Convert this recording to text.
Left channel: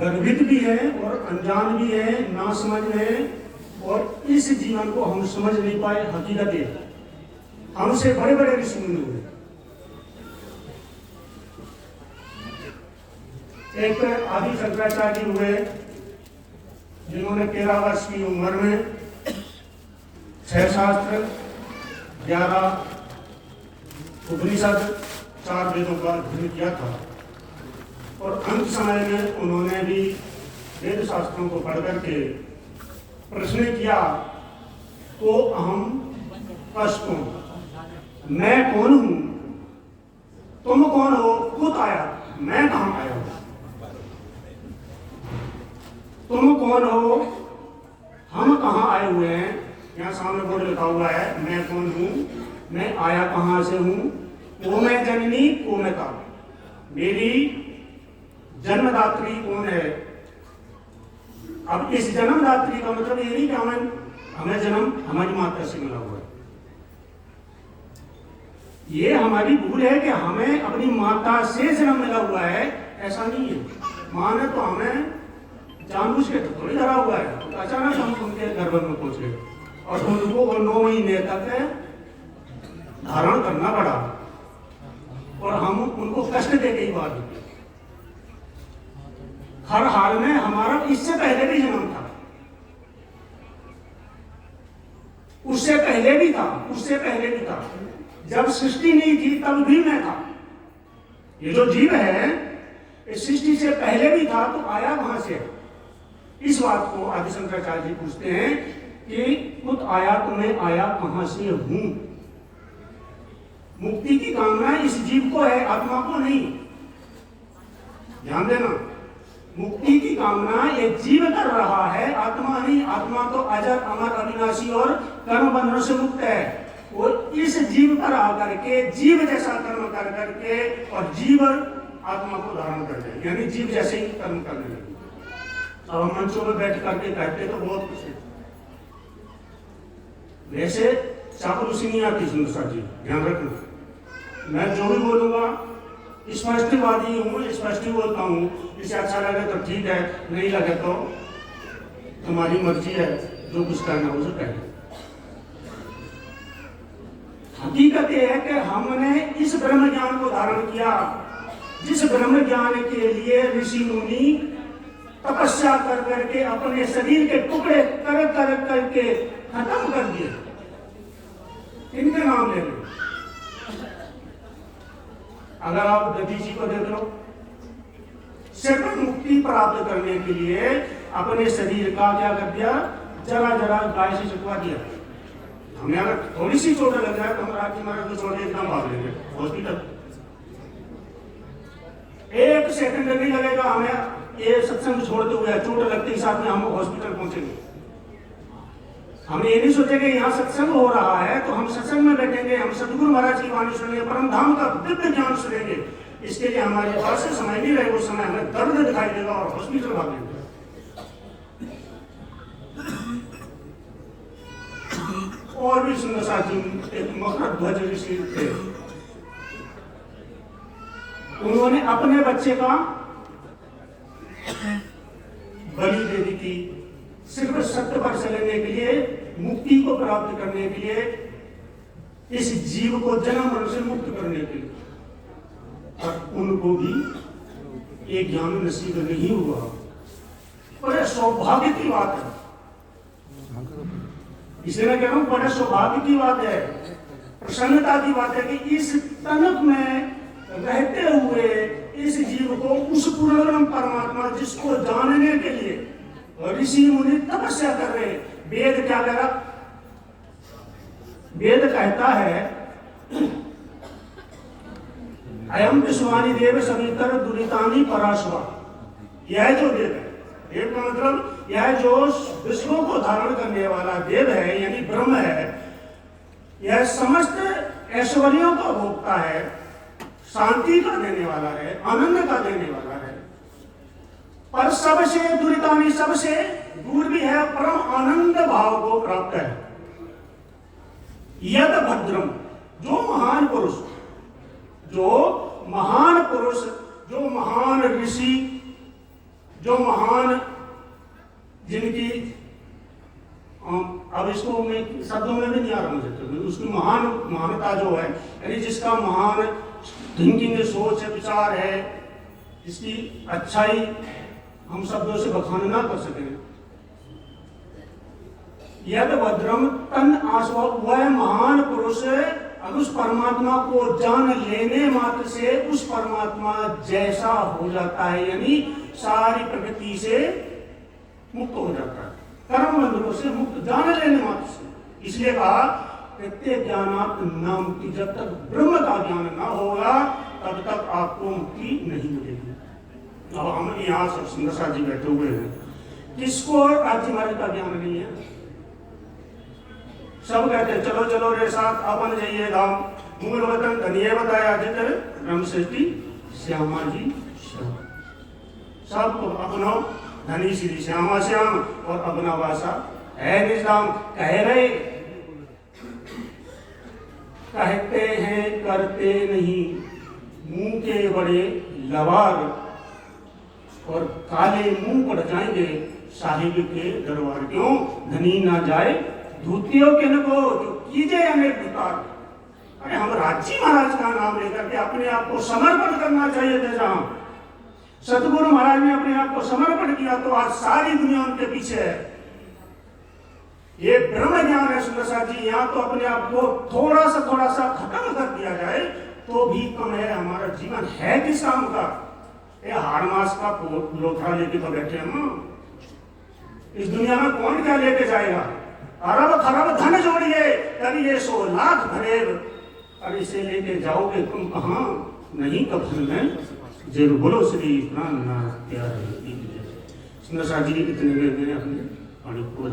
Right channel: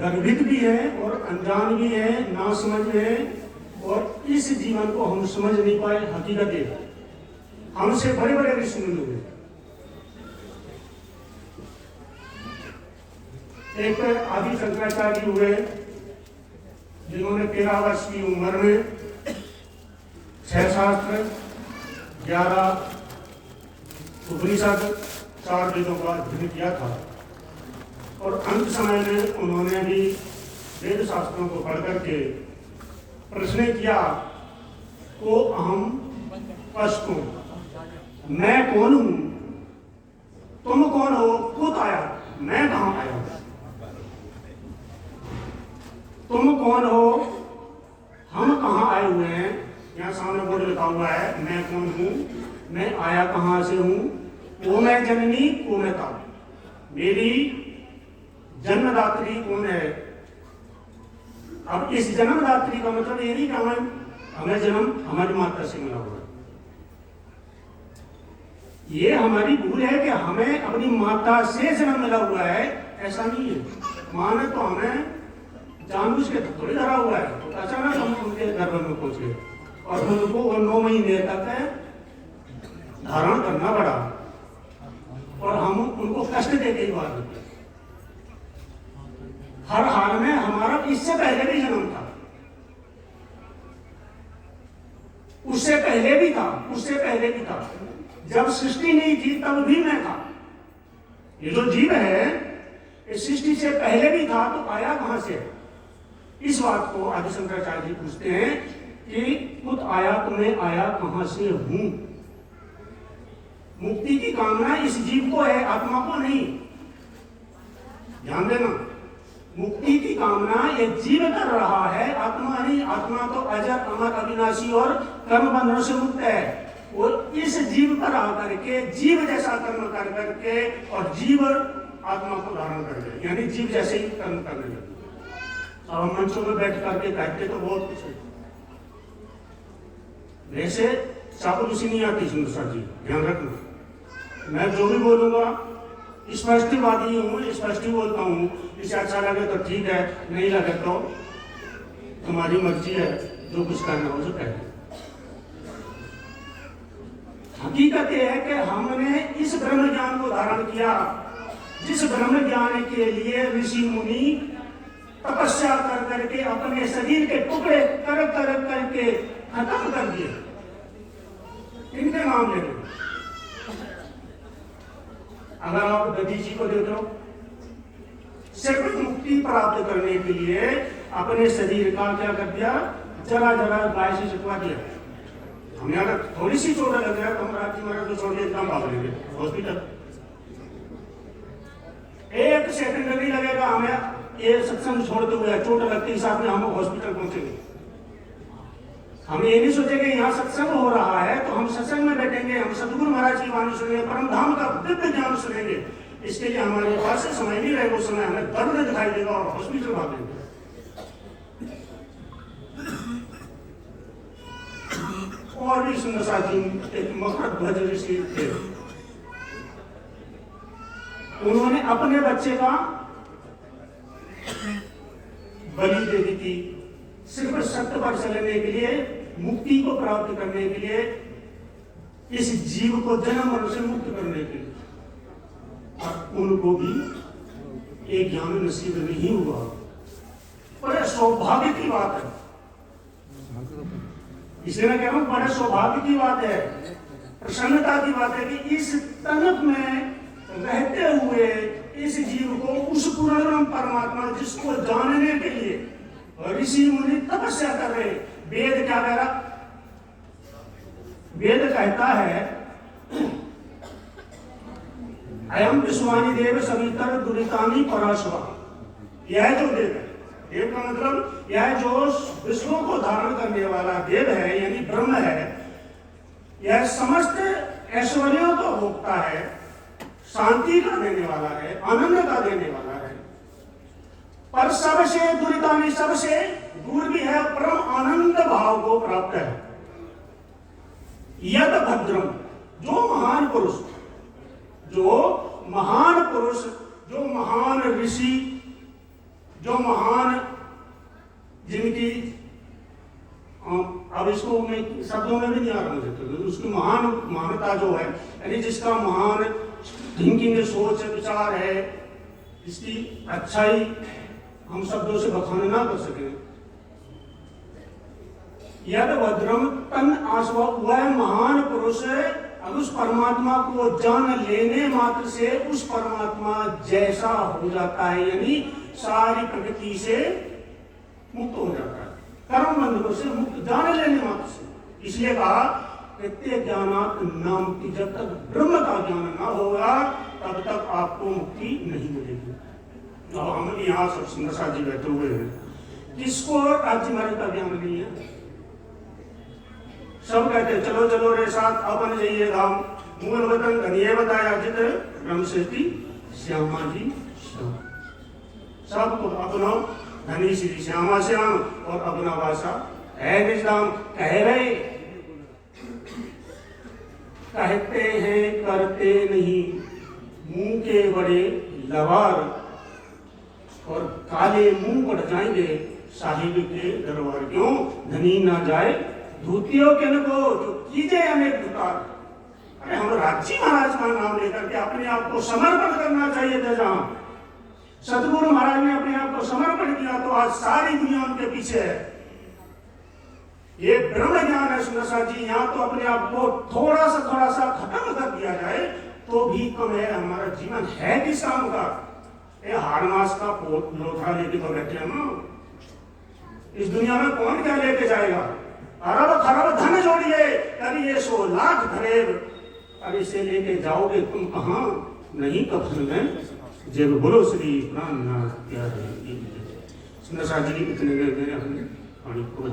गर्भित भी है और अनजान भी है, ना समझ है, और इस जीवन को हम समझ नहीं पाए। हकीकत है हमसे बड़े बड़े ऋषि मुनि हुए। एक आदि शंकराचार्य हुए जिन्होंने 13 वर्ष की उम्र में 6 शास्त्र, 11 उपनिषद, 4 वेदों का अध्ययन किया था। और अंत समय में उन्होंने भी वेद शास्त्रों को पढ़ करके प्रश्न किया, को अहम कष्टों, मैं कौन हूं, तुम कौन हो, खुद आया, मैं कहां आया हूं, तुम कौन हो, हम कहां आए हुए हैं। यहाँ सामने बोर्ड लिखा हुआ है, मैं कौन हूं, मैं आया कहां से हूं, को मैं जननी, को मैं काल, मेरी जन्मदात्री कौन है। अब इस जन्मदात्री का मतलब ये नहीं कि हमें जन्म हमारी माता से मिला हुआ है। ये हमारी भूल है कि हमें अपनी माता से जन्म मिला हुआ है, ऐसा नहीं है। माँ ने तो हमें जानबूझ के थोड़ी धरा हुआ है, तो अचानक हम उनके गर्भ में पहुंचे और उनको 9 महीने तक धारण करना पड़ा और हम उनको कष्ट दे के ही बात होती। हर हाल में हमारा इससे पहले भी जन्म था, उससे पहले भी था, उससे पहले भी था। जब सृष्टि नहीं थी तब भी मैं था। ये जो जीव है इस सृष्टि से पहले भी था, तो आया कहां से। इस बात को आदि शंकराचार्य जी पूछते हैं कि खुद आया तो मैं आया कहां से हूं। मुक्ति की कामना इस जीव को है, आत्मा को नहीं। ध्यान देना, मुक्ति की कामना ये जीव कर रहा है, आत्मा नहीं। आत्मा तो अजर अमर अविनाशी और कर्म बंधनों से मुक्त है। और इस जीव पर आकर के जीव जैसा कर्म कर करके और जीव आत्मा को धारण कर ले, यानी जीव जैसे ही कर्म करने लगे। अब मंचों में बैठ करके कहते तो बहुत कुछ है, वैसे चापलूसी नहीं आती सुंदर जी, ध्यान रखना। मैं जो भी बोलूंगा स्पष्टवादी हूँ, स्पष्ट ही बोलता हूँ। इसे अच्छा लगे तो ठीक है, नहीं लगे तो तुम्हारी मर्जी है, जो कुछ करना हो जो करें। हकीकत यह है कि हमने इस ब्रह्म ज्ञान को धारण किया, जिस ब्रह्म ज्ञान के लिए ऋषि मुनि तपस्या कर करके अपने शरीर के टुकड़े कर कर करके खत्म कर दिए। इनके नाम ले लो। अगर आप दधी जी को देख लो, सिर्फ मुक्ति प्राप्त करने के लिए अपने शरीर का क्या कर दिया, जरा जरा गाय से चिपका दिया। हमें अगर थोड़ी सी चोट लग जाए तो हम रात में छोड़ के एकदम भाग लेंगे हॉस्पिटल। 1 सेकंड नहीं लगेगा हमें ये सत्संग छोड़ते हुए, चोट लगते ही साथ में हम हॉस्पिटल पहुंचेंगे। हम ये नहीं सोचेंगे यहाँ सत्संग हो रहा है तो हम सत्संग में बैठेंगे, हम सतगुरु महाराज की वाणी सुनेंगे, परम धाम का दिव्य ज्ञान सुनेंगे। इसके लिए हमारे पास से समय नहीं रहे, वो समय हमें दर्द दिखाई देगा और हॉस्पिटल भाग लेंगे। और भी सुंदर साथी एक मकर ध्वज ऋषि थे, उन्होंने अपने बच्चे का बलि दे दी थी, सिर्फ सत्य पर चलने के लिए, मुक्ति को प्राप्त करने के लिए, इस जीव को जन्म मरण से मुक्त करने के लिए। और उनको भी एक ज्ञान नसीब नहीं हुआ। बड़े सौभाग्य की बात है, इसलिए मैं कह रहा हूं बड़े सौभाग्य की बात है, प्रसन्नता की बात है कि इस तनक में रहते हुए इस जीव को उस पूर्ण परमात्मा जिसको जानने के लिए ऋषि मुनि तपस्या कर रहे। वेद क्या कह रहा, वेद कहता है अयम विश्वानी देव सवितर दुरितानी पराशवा। यह जो वेद है, वेद का मतलब यह जो विश्वों को धारण करने वाला देव है यानी ब्रह्म है, यह समस्त ऐश्वर्यों का भोक्ता है, शांति का देने वाला है, आनंद का देने वाला है, पर सबसे दुरितानी, सबसे दूर भी है, परम आनंद भाव को प्राप्त है। यद भद्रम, जो महान पुरुष, जो महान पुरुष, जो महान ऋषि जो महान, जिनकी अब इसको मैं शब्दों में भी नहीं आ रहा मुझे, तो उसकी महानता जो है, यानी जिसका महान थिंकिंग, सोच विचार है, जिसकी अच्छाई हम शब्दों से बखान ना कर सके। यद भद्रम तन आस्व, वह महान पुरुष अब उस परमात्मा को जान लेने मात्र से उस परमात्मा जैसा हो जाता है, यानी सारी प्रकृति से मुक्त हो जाता है, कर्म बंधनों से मुक्त जान लेने मात्र से। इसलिए कहा प्रत्येक ज्ञानात नाम की, जब तक ब्रह्म का ज्ञान ना होगा तब तक आपको मुक्ति नहीं मिलेगी। और हम यहाँ सब सुंदर जी बैठे हुए हैं, किसको राज्य मार्ग का ज्ञान नहीं है? सब कहते हैं चलो चलो रे साथ अपन जाइए धाम, मूल वतन धनिये बताया जित ब्रह्म सेती श्यामा जी श्याम, सबको अपना धनी श्री श्यामा श्याम और अपना वासा है निजाम। कह रहे कहते हैं करते नहीं, मुंह के बड़े लवार और काले मुंह बढ़ जाएंगे साहिब के दरबार। क्यों धनी ना जाए धूतियों के नको जो कीजे अनेक विकार। अरे हम राज्य महाराज का नाम लेकर के अपने आप को समर्पण करना चाहिए थे। जहां सतगुरु महाराज ने अपने आप को समर्पण किया तो आज सारी दुनिया उनके पीछे है। ये ब्रह्म ज्ञान है सुंदर जी, यहाँ तो अपने आप को थोड़ा सा खत्म कर दिया जाए तो भी कम है। हमारा जीवन है किस काम का? ये हारनास का लोथरा लेके तो बैठे हैं ना। इस दुनिया में कौन क्या लेके जाएगा? अरब खरब धन जोड़िए कभी ये 100 लाख भरे, अब इसे लेके जाओगे तुम कहाँ? नहीं कफन में जेब। बोलो श्री प्राणनाथ प्यारे। सुंदर जी के कितने हमने पानी को